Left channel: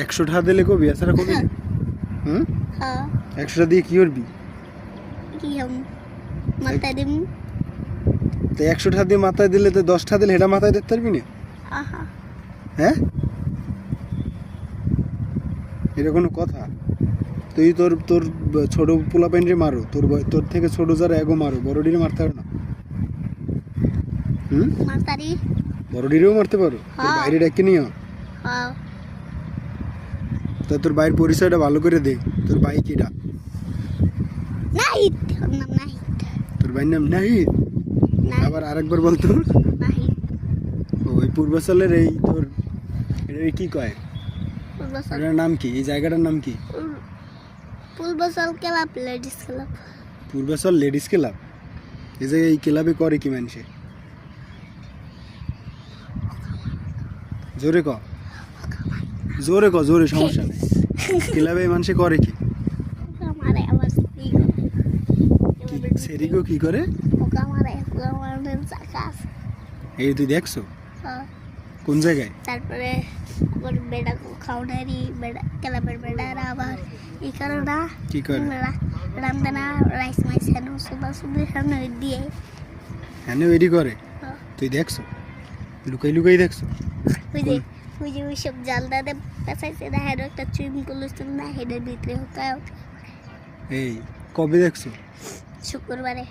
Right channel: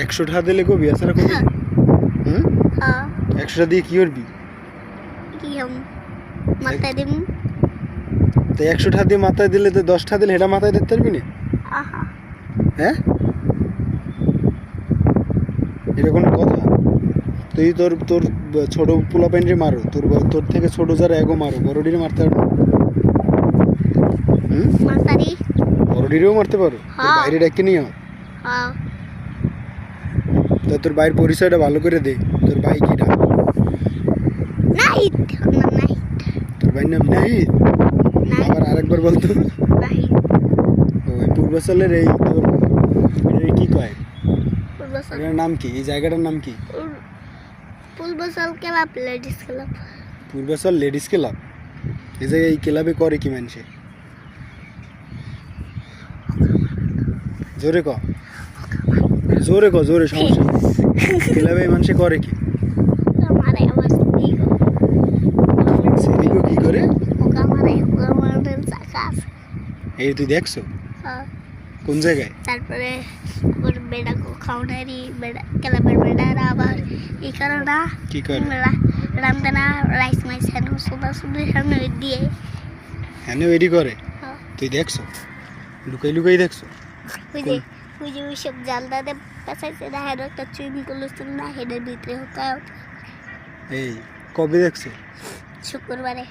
100 টাকা দিলে কবি এছাড়া কবি না? হুম? 100 টাকা দিয়ে কি করবি? কি হম মাথায় দিম। তো 100 টাকা দিয়ে মাথায় দিলে তো 10 টাকা দিলে এটা মাথায় দিতে পারবি না? আহা হ্যাঁ, এটা কোনো কথা? তুই তোর তোর ছোট পোলা পাইনরে মারো, তোর থেকে ছোট যারা এগো মারো, বড়ডিরে মারতে পারো? হুম, মাতারি। বড়ডিরেও মারতে পারো? তোর হ্যাঁ। বাইরে ডেকে নিও। হ্যাঁ তা তোর ভাইয়ের পরিচয়টা ভালো করে দে। তোর ভাই কি নাম? নাইট নাম নাইট। তোর ভাইয়ের নাম নাহিদ? নাইট আবার আরেকবার বলতো। নাইট ও এই পূর্বাচলের এই তোর এই কি কয়, পূর্বসাল এটার নাম কি, এই জায়গাটার নাম কি? Purbachal club ladies club. Purbachal ladies club. এই যে এই ক্লাবে করে কি মানুষে? জোরে ক, জোরে ক, জোরে, সমস্যা নেই। ক্লাবে মানুষে করে কি? আমারে আবার দিগো কি করে? ওকা মারে ওকা মারের চাকা আছে। এই তুই দেখছো হ্যাঁ। কোন জায়গায়? তারপরে আবার বেড়া খাওয়ারি বেড়া ক্লাবের বেড়ারা আবার এই কারণে কি করে? রামদানা রাইস মাইস হেন সুদা সুদা হেন দিয়ে। হ্যাঁ এডি করে? হ্যাঁ। তুই দেখছো? লুকাই লুকাই দেখছো? ওই যে ওই সব জালদাতে পেঁচাইছে না হেন একটা চুইমিং পুল ছিল না হেডের ভিতরে হোকা। এই কবে দেখছো? শুক্রবারে।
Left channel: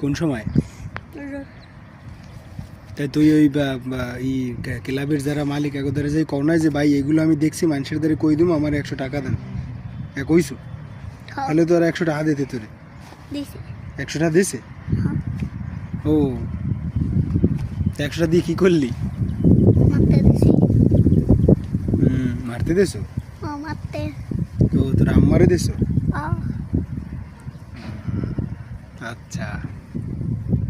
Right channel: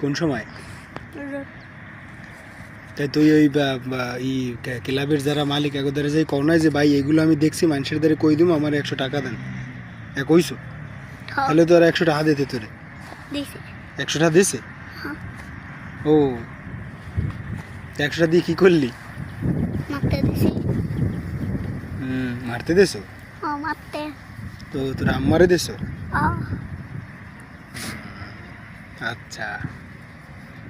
কোন সময়? তাই তুই ওই ক্লাবের যারা মালিক এগোদারে যাই কও নাই যে ভাই এগুলো আমি দেখছি মানুষের দ্বারা কই দিম আমার 100 টাকা দেন, কইছো? তাহলে তো আর 100 টাকা দিতে তোরে? দিছি। 100 টাকা দিছে? হ্যাঁ। ও 100 টাকা দিয়ে কি করলি? মারতে দিছি। মারতে দেছো? ও মারতে। তো তোর আম্মারে দেছো? ও আচ্ছা।